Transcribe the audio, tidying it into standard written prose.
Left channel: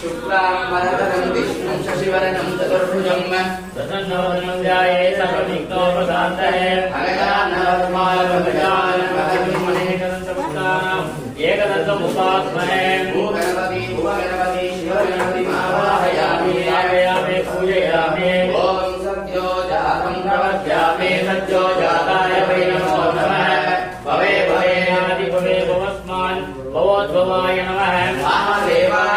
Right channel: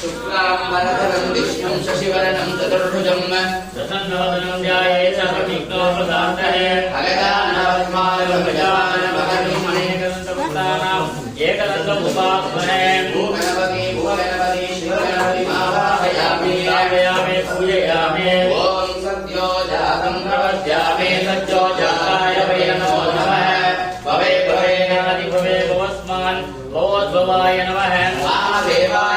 शुक्लांबरधरं विष्णुं शशिवर्णं चतुर्भुजं प्रसन्नवदनं ध्यायेत् सर्वविघ्नोपशान्तये एकदन्तमुपास्महे भूगणपति भूगणपति शिवगणपति आवाहयामि स्थापयामि पूजयामि ॐ सत्यो जातं प्रपद्यामि सत्यो जाताय वै नमो नमः भवे भवेनादि भवे भवस्मान् भवोद्भवाय नमः महादेवा